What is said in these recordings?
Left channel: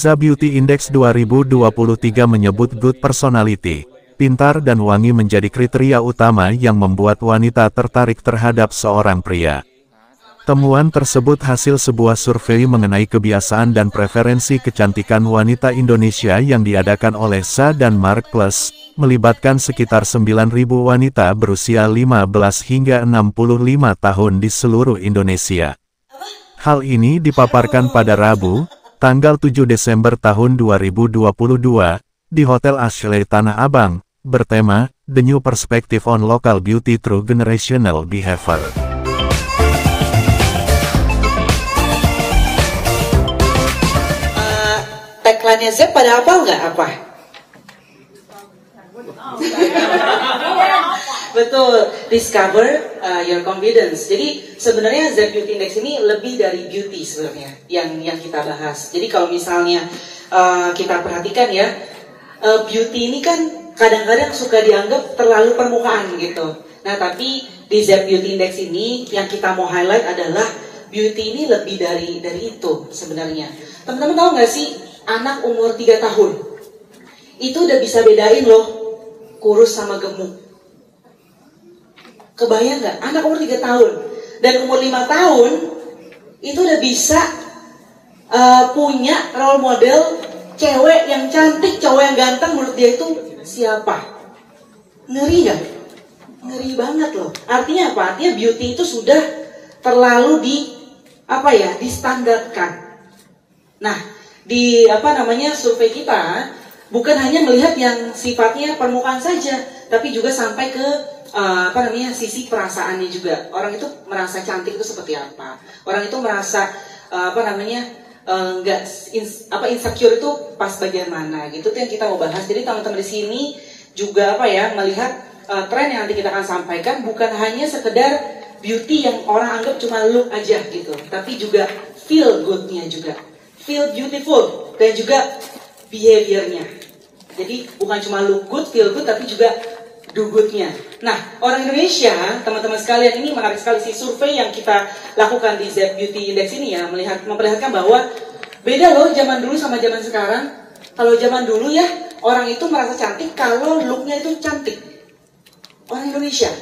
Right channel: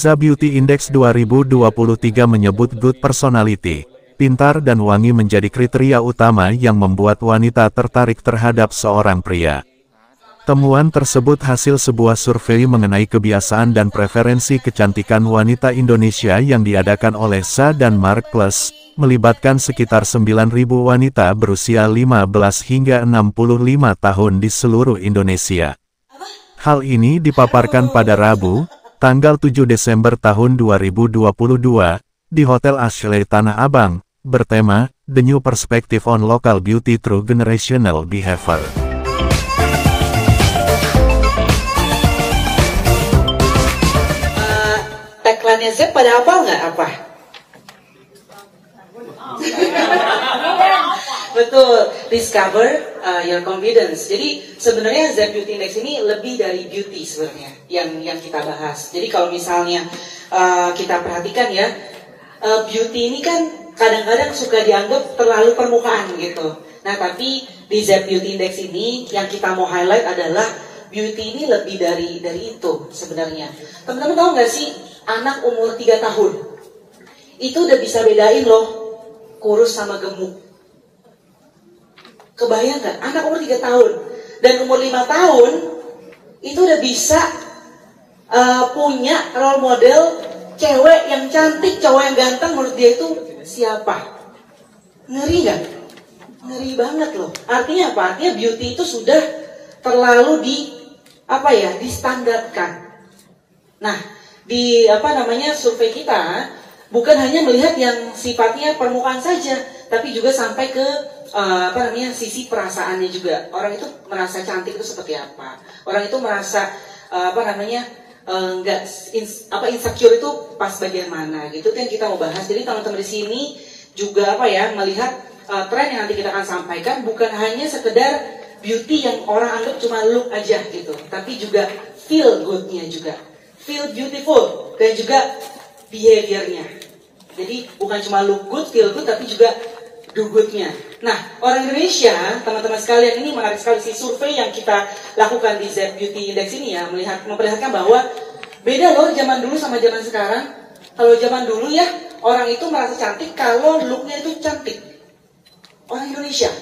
ZA Beauty Index 2023 menyebut good personality, pintar dan wangi menjadi kriteria utama yang membuat wanita tertarik terhadap seorang pria. Temuan tersebut hasil sebuah survei mengenai kebiasaan dan preferensi kecantikan wanita Indonesia yang diadakan oleh ZA dan Mark Plus, melibatkan sekitar 9.000 wanita berusia 15 hingga 65 tahun di seluruh Indonesia. Hal ini dipaparkan pada Rabu, tanggal 7 Desember tahun 2022, di Hotel Ashley Tanah Abang, bertema, The New Perspective on Local Beauty Through Generational Behavior. Tagline-nya Z pada apa nggak apa? Betul, discover your confidence. Jadi sebenarnya Z Beauty Index ini lebih dari beauty sebenarnya yang kita bahas. Jadi kalau misalnya kita perhatikan ya, beauty ini kan kadang-kadang suka dianggap terlalu permukaan gitu. Nah tapi di Z Beauty Index ini yang kita mau highlight adalah beauty ini lebih dari itu sebenarnya. Teman-teman tahu nggak sih, anak umur 3 tahun itu udah bisa bedain loh kurus sama gemuk. Kebayang nggak? Anak umur 3 tahun dan umur 5 tahun itu udah bisa punya role model cewek yang cantik, cowok yang ganteng. Menurut dia itu siapa? Ngeri gak? Ngeri banget loh. Artinya apa? Artinya beauty itu sudah terlalu distandarkan. Nah, di survei kita bukan hanya melihat yang sifatnya permukaan saja, tapi juga sampai ke sisi perasaannya juga. Orang itu merasa cantik itu seperti apa? Orang itu merasa insecure itu pas bagian mana gitu. Itu yang kita mau bahas. Jadi teman-teman di sini juga melihat tren yang nanti kita akan sampaikan bukan hanya sekedar beauty yang orang anggap cuma look aja gitu, tapi juga feel good-nya juga, feel beautiful dan juga behavior-nya. Jadi bukan cuma look good, feel good, tapi juga do good-nya. Nah, orang Indonesia, teman-teman sekalian, ini menarik sekali sih survei yang kita lakukan di Z Beauty Index ini ya, memperlihatkan bahwa beda loh zaman dulu sama zaman sekarang. Kalau zaman dulu ya, orang itu merasa cantik kalau look-nya itu cantik. Orang Indonesia.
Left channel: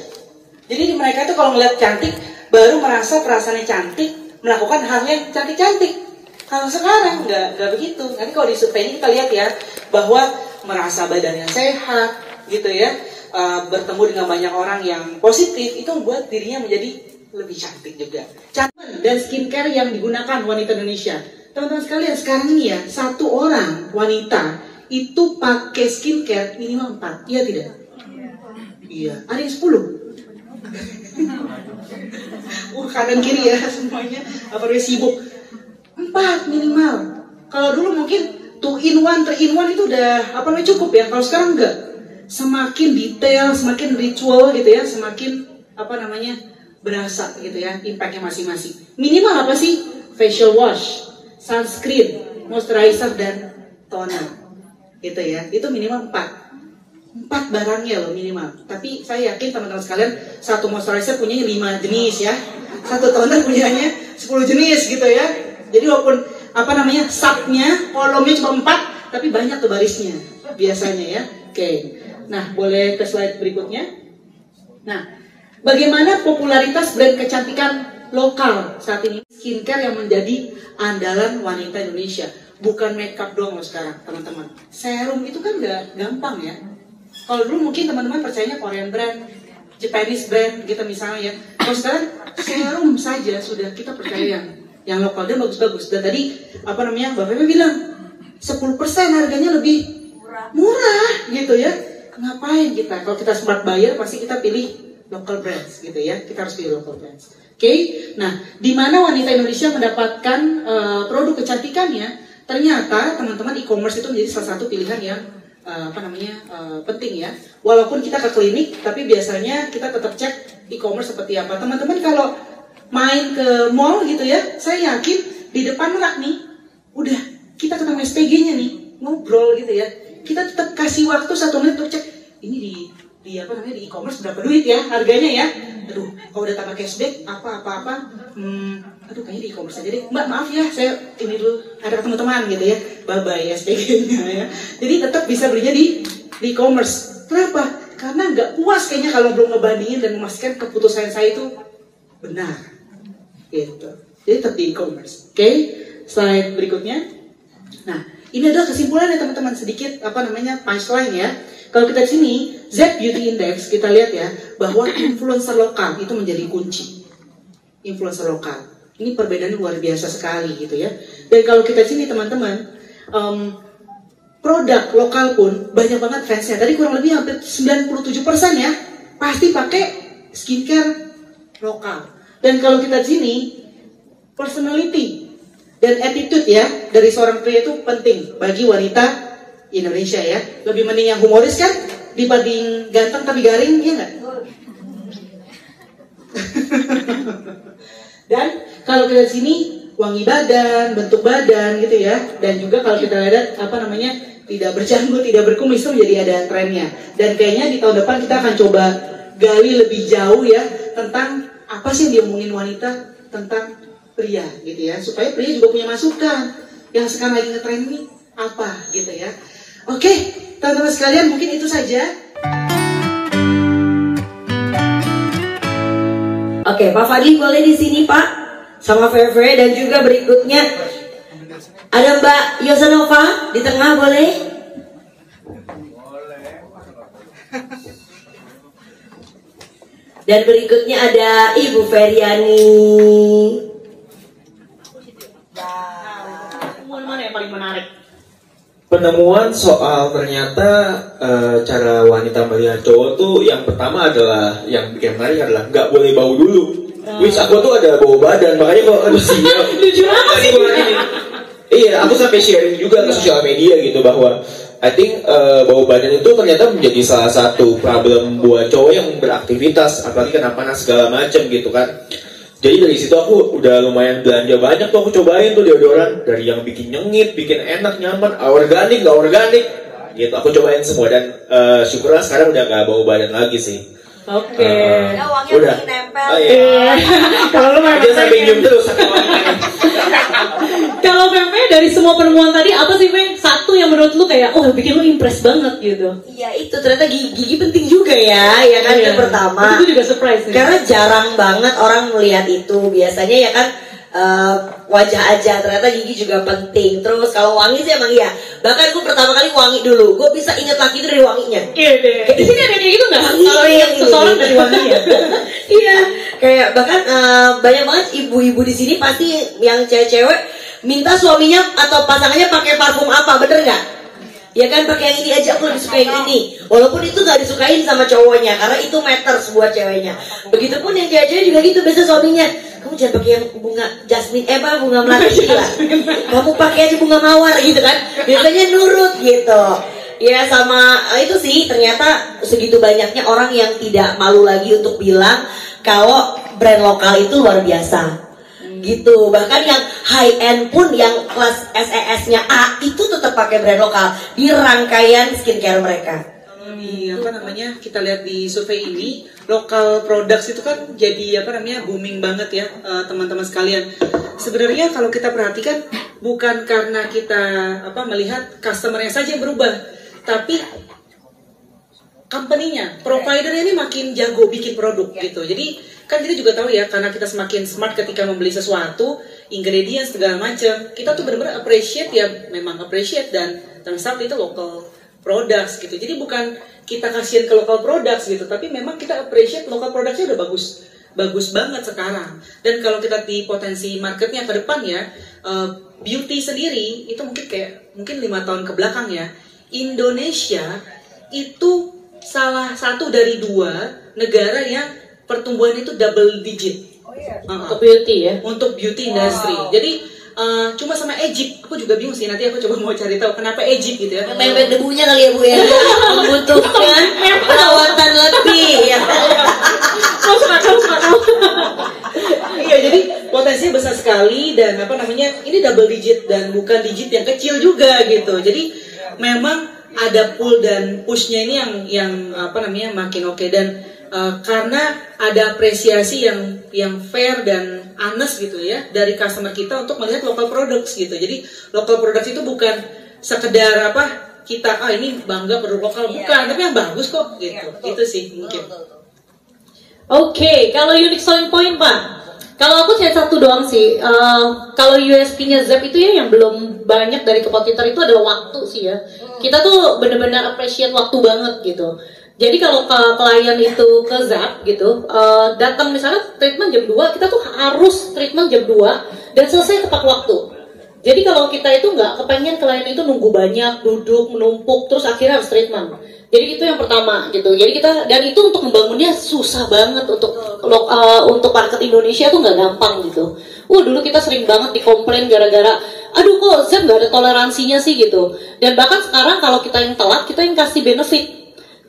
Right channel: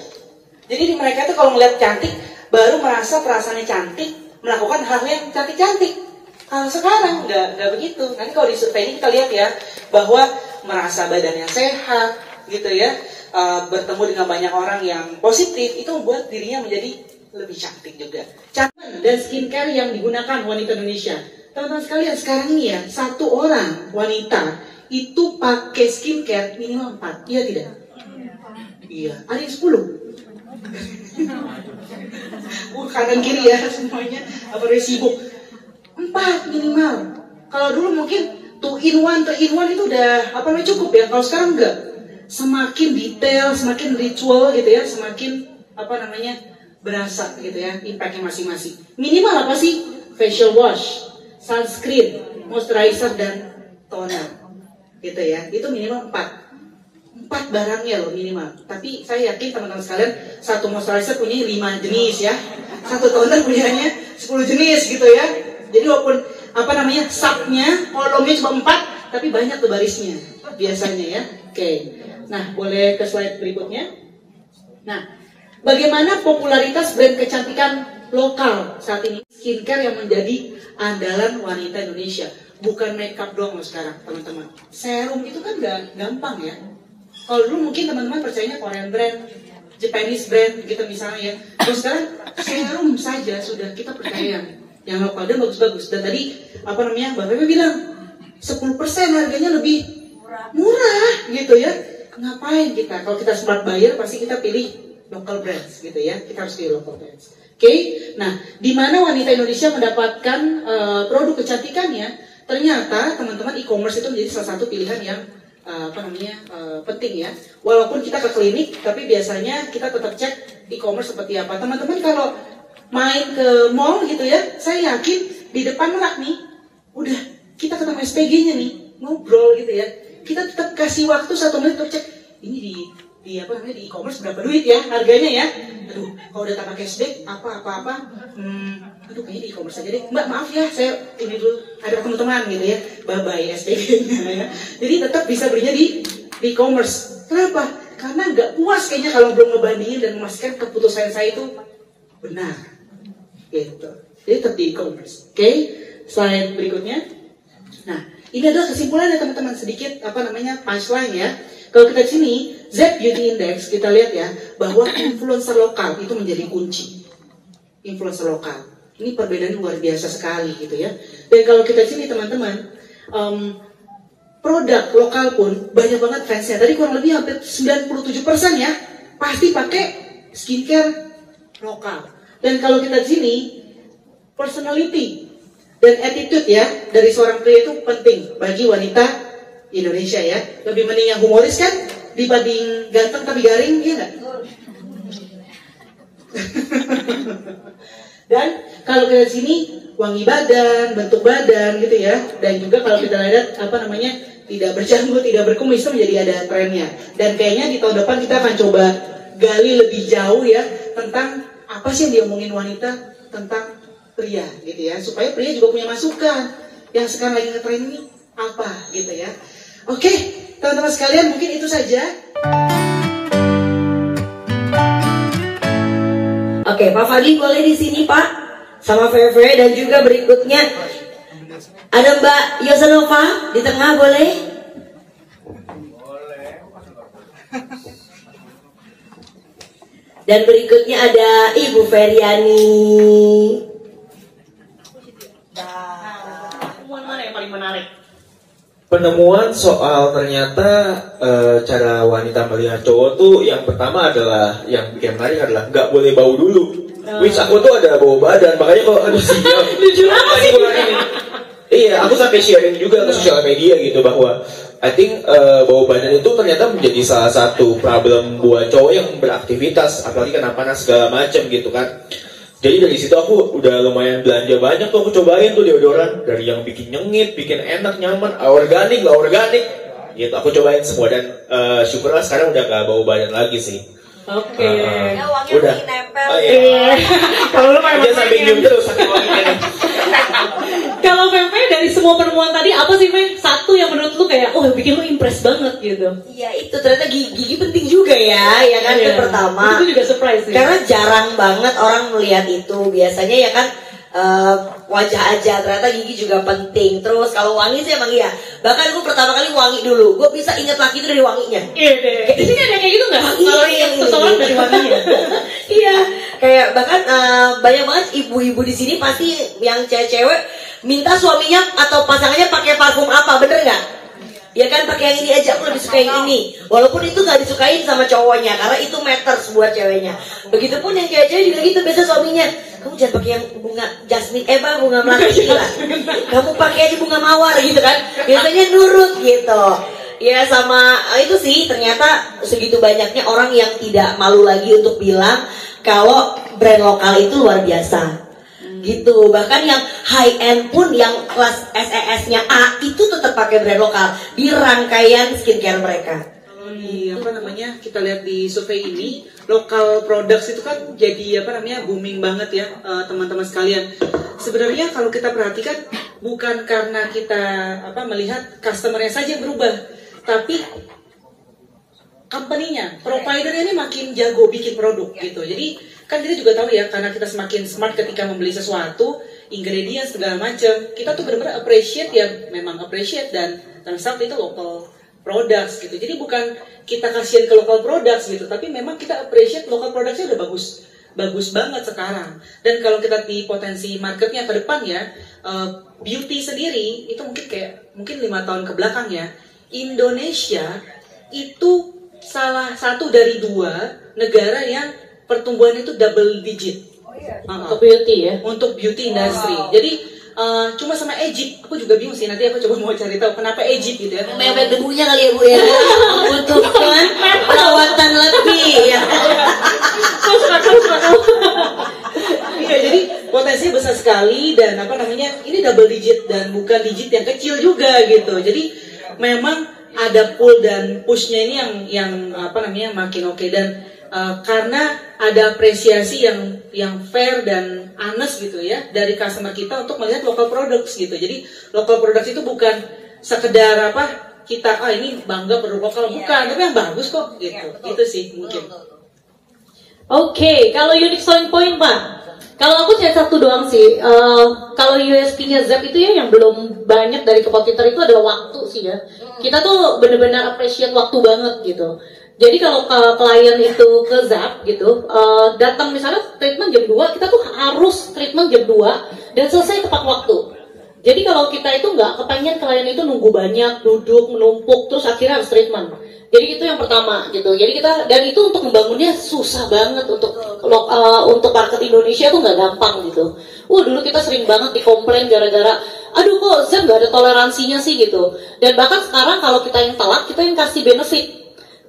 Jadi mereka itu kalau melihat cantik, baru merasa perasaannya cantik, melakukan hal yang cantik-cantik. Kalau sekarang nggak begitu. Nanti kalau di survei ini kita lihat ya, bahwa merasa badannya sehat, gitu ya, bertemu dengan banyak orang yang positif, itu membuat dirinya menjadi lebih cantik juga. Cantik dan skincare yang digunakan wanita Indonesia. Teman-teman sekalian, sekarang ini ya, satu orang wanita itu pakai skincare minimal 4, iya tidak? Iya, ada yang 10. Kanan kiri ya semuanya, apalagi sibuk. 4 minimal. Kalau dulu mungkin 2 in 1, 3 in 1 itu udah cukup ya. Kalau sekarang enggak. Semakin detail, semakin ritual gitu ya, semakin berasa gitu ya impactnya masing-masing. Minimal apa sih? Facial wash, sunscreen, moisturizer dan toner. Gitu ya. Itu minimal 4 barangnya loh minimal. Tapi saya yakin teman-teman sekalian, satu moisturizer punya 5 jenis ya, satu toner punyanya 10 jenis gitu ya. Jadi walaupun subnya, kolomnya cuma 4, tapi banyak tuh barisnya biasanya ya. Oke. Nah, boleh ke slide berikutnya. Nah, bagaimana popularitas brand kecantikan lokal saat ini? Skincare yang menjadi andalan wanita Indonesia. Bukan makeup doang loh sekarang, teman-teman. Serum itu kan gak gampang ya. Kalau dulu mungkin teman-teman percayanya Korean brand, Japanese brand gitu misalnya ya. Kalau sekarang serum saja sudah kita percaya yang lokal dan bagus-bagus. Dan tadi Mbak Feby bilang 10% harganya lebih murah gitu ya. Ngapain kita? Kalau kita smart buyer pasti kita pilih local brands gitu ya. Kita harus pilih local brands. Oke. Nah, di mana wanita Indonesia mendapatkan produk kecantikannya? Ternyata teman-teman e-commerce itu menjadi salah satu pilihan yang penting ya. Walaupun kita ke klinik, tapi biasanya kita tetap cek e-commerce seperti apa. Teman-teman kalau main ke mall gitu ya, saya yakin di depan rak nih, udah kita ketemu SPG-nya nih, ngobrol gitu ya. Kita tetap kasih waktu 1 menit untuk cek ini di e-commerce berapa duit ya harganya ya. aduh kalau udah tambah cashback apa, aduh kayaknya di e-commerce aja deh, mbak maaf ya saya ini dulu ada ketemu teman gitu ya, bye bye SPG-nya ya. Jadi tetap bisa belinya di e-commerce. Kenapa? Karena nggak puas kayaknya kalau belum ngebandingin dan memastikan keputusan saya itu benar gitu. Jadi tetap di e-commerce. Oke, slide berikutnya. Nah, ini adalah kesimpulannya teman-teman, sedikit punchline ya. Kalau kita di sini Z Beauty Index, kita lihat ya bahwa influencer lokal itu menjadi kunci. Influencer lokal ini perbedaannya luar biasa sekali gitu ya. Dan kalau kita di sini teman-teman, produk lokal pun banyak banget fansnya. Tadi kurang lebih hampir 97% ya pasti pakai skincare lokal. Dan kalau kita di sini, personality dan attitude ya dari seorang pria itu penting bagi wanita Indonesia ya. Lebih mending yang humoris kan dibanding ganteng tapi garing, ya nggak? Dan kalau kita di sini wangi badan, bentuk badan gitu ya. Dan juga kalau kita lihat tidak berjanggut, tidak berkumis, itu menjadi ada trennya. Dan kayaknya di tahun depan kita akan coba gali lebih jauh ya tentang apa sih yang diomongin wanita tentang pria gitu ya, supaya pria juga punya masukan yang sekarang lagi ngetren ini apa gitu ya. Oke, teman-teman sekalian, mungkin itu saja. Oke, Pak Fadli boleh di sini Pak, sama Feve, dan juga berikutnya ada Mbak Yosanova di tengah, boleh? Dan berikutnya ada Ibu Feryani. Mana yang paling menarik? Penemuan soal ternyata cara wanita melihat cowok tuh yang pertama adalah, yang bikin menarik adalah nggak boleh bau dulu. Wis aku tuh ada bau badan, makanya kalau ada sinyal iya, aku sampai sharing juga ke sosial media gitu bahwa I think bau badan itu ternyata menjadi salah satu problem buat cowok yang beraktivitas, apalagi kena panas segala macam gitu kan. Jadi dari situ aku udah lumayan belanja banyak tuh, aku cobain tuh deodoran dari yang bikin nyengit, bikin enak, nyaman, organik, gak organik gitu. Aku cobain semua dan syukurlah sekarang udah gak bau badan lagi sih. Oke. Wanginya Udah. makin nempel. Iya. Kalau lu Dia sampai nyium terus sampai wanginya. Kalau Feve dari semua penemuan tadi apa sih Fe? Satu yang menurut lu kayak bikin lu impress banget gitu. Iya, itu ternyata gigi penting juga ya kan, Iya. yang pertama. Itu juga surprise nih. Karena jarang banget orang melihat itu. Biasanya ya kan wajah aja, ternyata gigi juga penting. Terus kalau wangi sih emang iya. Bahkan gue pertama kali wangi dulu, gue bisa inget laki itu dari wanginya. Iya deh. Di sini ada kayak gitu nggak? Kalau ingat seseorang dari wanginya. Iya, kayak bahkan banyak banget ibu-ibu di sini pasti yang cewek-cewek minta suaminya atau pasangannya pakai parfum apa, bener nggak? Ya kan, pakai yang ini aja, aku lebih suka yang ini. Walaupun itu nggak disukain sama cowoknya, karena itu matters buat ceweknya. Begitupun yang cewek-cewek juga gitu, biasa suaminya, kamu jangan pakai yang bunga jasmine, bunga melati lah. Kamu pakai di bunga mawar gitu kan. Biasanya nurut gitu. Ya sama itu sih, ternyata segitu banyaknya orang yang tidak malu lagi untuk bilang kalau brand lokal itu luar biasa. Gitu, bahkan yang high end pun yang kelas SES-nya A itu tetap pakai brand lokal di rangkaian skincare mereka. Di kita lihat di survei ini, local products itu kan jadi booming banget ya, teman-teman sekalian. Sebenarnya kalau kita perhatikan bukan karena kita melihat customer-nya saja yang berubah, tapi company-nya, provider-nya ini makin jago bikin produk gitu. Jadi kan kita juga tahu ya, karena kita semakin smart ketika membeli sesuatu, ingredients segala macam, kita tuh benar-benar appreciate ya, memang appreciate, dan terus itu local products gitu. Jadi bukan kita kasihan ke local products gitu, tapi memang kita appreciate local products-nya udah bagus banget sekarang. Dan kalau kita di potensi marketnya ke depan ya, beauty sendiri itu mungkin 5 tahun ke belakang ya, Indonesia itu salah satu dari 2 negara yang pertumbuhan itu double digit. Untuk beauty ya? Untuk beauty industry. Jadi cuma sama Egypt, aku juga bingung sih, nanti aku coba mau cari tahu kenapa Egypt gitu ya. Main debunya kali ya Bu ya. Membutuhkan perawatan lebih ya. Iya, jadi potensinya besar sekali dan ini double digit dan bukan digit yang kecil juga gitu. Jadi memang ada pull dan pushnya ini yang makin oke. Dan karena ada apresiasi yang fair dan honest gitu ya dari customer kita untuk melihat local products gitu. Jadi local products itu bukan sekedar kita ini bangga produk lokal, bukan, tapi yang bagus kok gitu. Itu sih mungkin. Oke, kalau unique selling point Pak, kalau aku cuma satu doang sih. Kalau USP-nya Zap itu ya yang belum banyak dari kompetitor itu adalah waktu sih ya. Kita tuh benar-benar appreciate waktu banget gitu. Jadi kalau klien itu ke Zap gitu, datang misalnya treatment jam 2, kita tuh harus treatment jam 2 dan selesai tepat waktu. Jadi kalau kita itu nggak kepengen klien itu nunggu banyak, duduk, menumpuk, terus akhirnya harus treatment. Jadi itu yang pertama gitu. Jadi kita, dan itu untuk membangunnya susah banget untuk market Indonesia tuh nggak gampang gitu. Dulu kita sering banget dikomplain gara-gara, aduh kok Zap nggak ada toleransinya sih gitu. Dan bahkan sekarang kalau kita yang telat, kita yang kasih benefit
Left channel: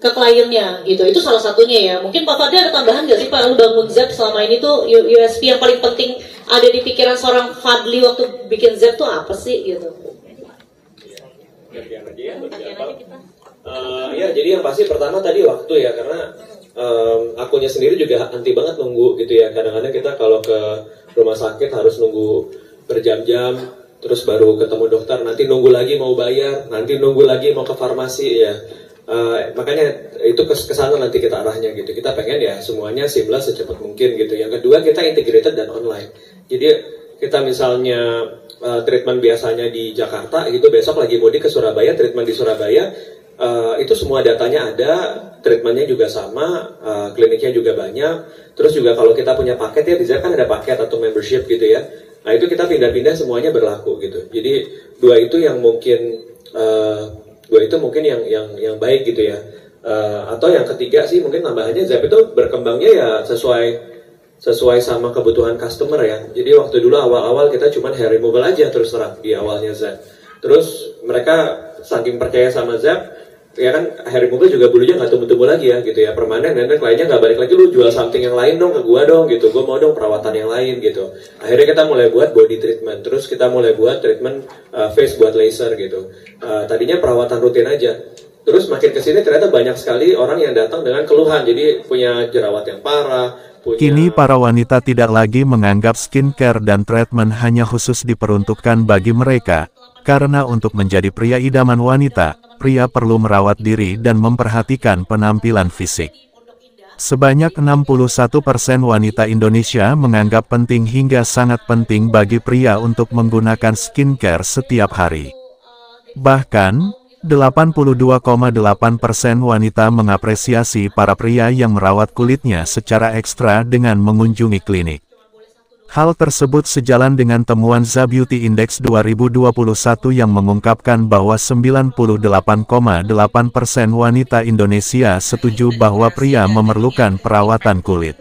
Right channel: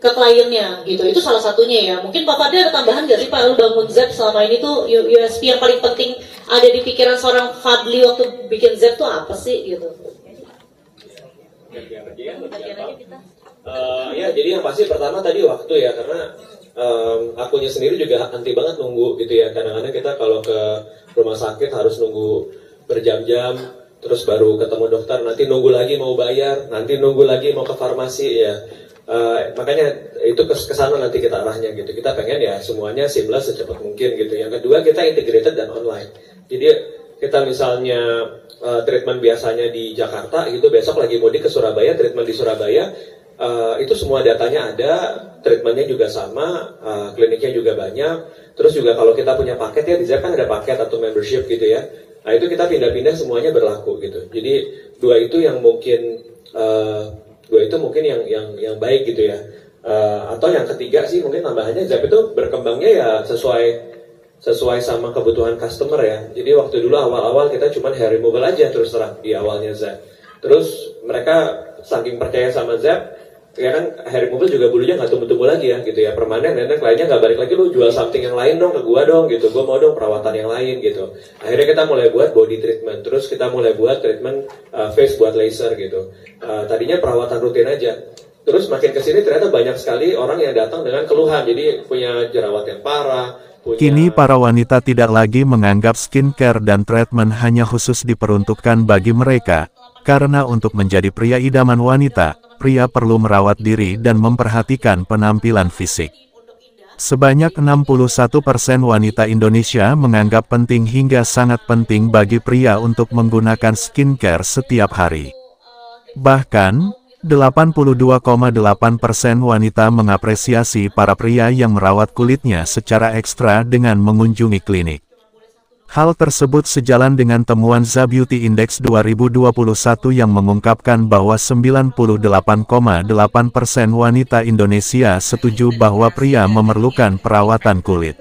ke kliennya gitu. Itu salah satunya ya. Mungkin Pak Fadli ada tambahan nggak sih Pak, lu bangun Zap selama ini tuh USP yang paling penting ada di pikiran seorang Fadli waktu bikin Zap tuh apa sih gitu? Ya jadi yang pasti pertama tadi waktu ya, karena akunya sendiri juga anti banget nunggu gitu ya. Kadang-kadang kita kalau ke rumah sakit harus nunggu berjam-jam, terus baru ketemu dokter, nanti nunggu lagi mau bayar, nanti nunggu lagi mau ke farmasi ya. Makanya itu kesana nanti kita arahnya gitu. Kita pengen ya semuanya seamless secepat mungkin gitu. Yang kedua kita integrated dan online. Jadi kita misalnya treatment biasanya di Jakarta gitu, besok lagi mudik ke Surabaya, treatment di Surabaya, itu semua datanya ada, treatmentnya juga sama, kliniknya juga banyak. Terus juga kalau kita punya paket ya, di Zap kan ada paket atau membership gitu ya. Nah itu kita pindah-pindah semuanya berlaku gitu. Jadi dua itu mungkin yang baik gitu ya. Atau yang ketiga sih mungkin tambahannya, Zap itu berkembangnya ya sesuai sama kebutuhan customer ya. Jadi waktu dulu awal-awal kita cuma hair removal aja terus terang di awalnya Zap. Terus mereka saking percaya sama Zap, ya kan hair removal juga bulunya nggak tumbuh-tumbuh lagi ya gitu ya, permanen, dan kliennya nggak balik lagi, lu jual something yang lain dong ke gua dong gitu, gua mau dong perawatan yang lain gitu. Akhirnya kita mulai buat body treatment, terus kita mulai buat treatment face buat laser gitu. Tadinya perawatan rutin aja, terus makin kesini ternyata banyak sekali orang yang datang dengan keluhan, jadi punya jerawat yang parah. Kini para wanita tidak lagi menganggap skincare dan treatment hanya khusus diperuntukkan bagi mereka, karena untuk menjadi pria idaman wanita, pria perlu merawat diri dan memperhatikan penampilan fisik. Sebanyak 61% wanita Indonesia menganggap penting hingga sangat penting bagi pria untuk menggunakan skincare setiap hari. Bahkan, 82,8% wanita mengapresiasi para pria yang merawat kulitnya secara ekstra dengan mengunjungi klinik. Hal tersebut sejalan dengan temuan Zap Beauty Index 2021 yang mengungkapkan bahwa 98,8% wanita Indonesia setuju bahwa pria memerlukan perawatan kulit.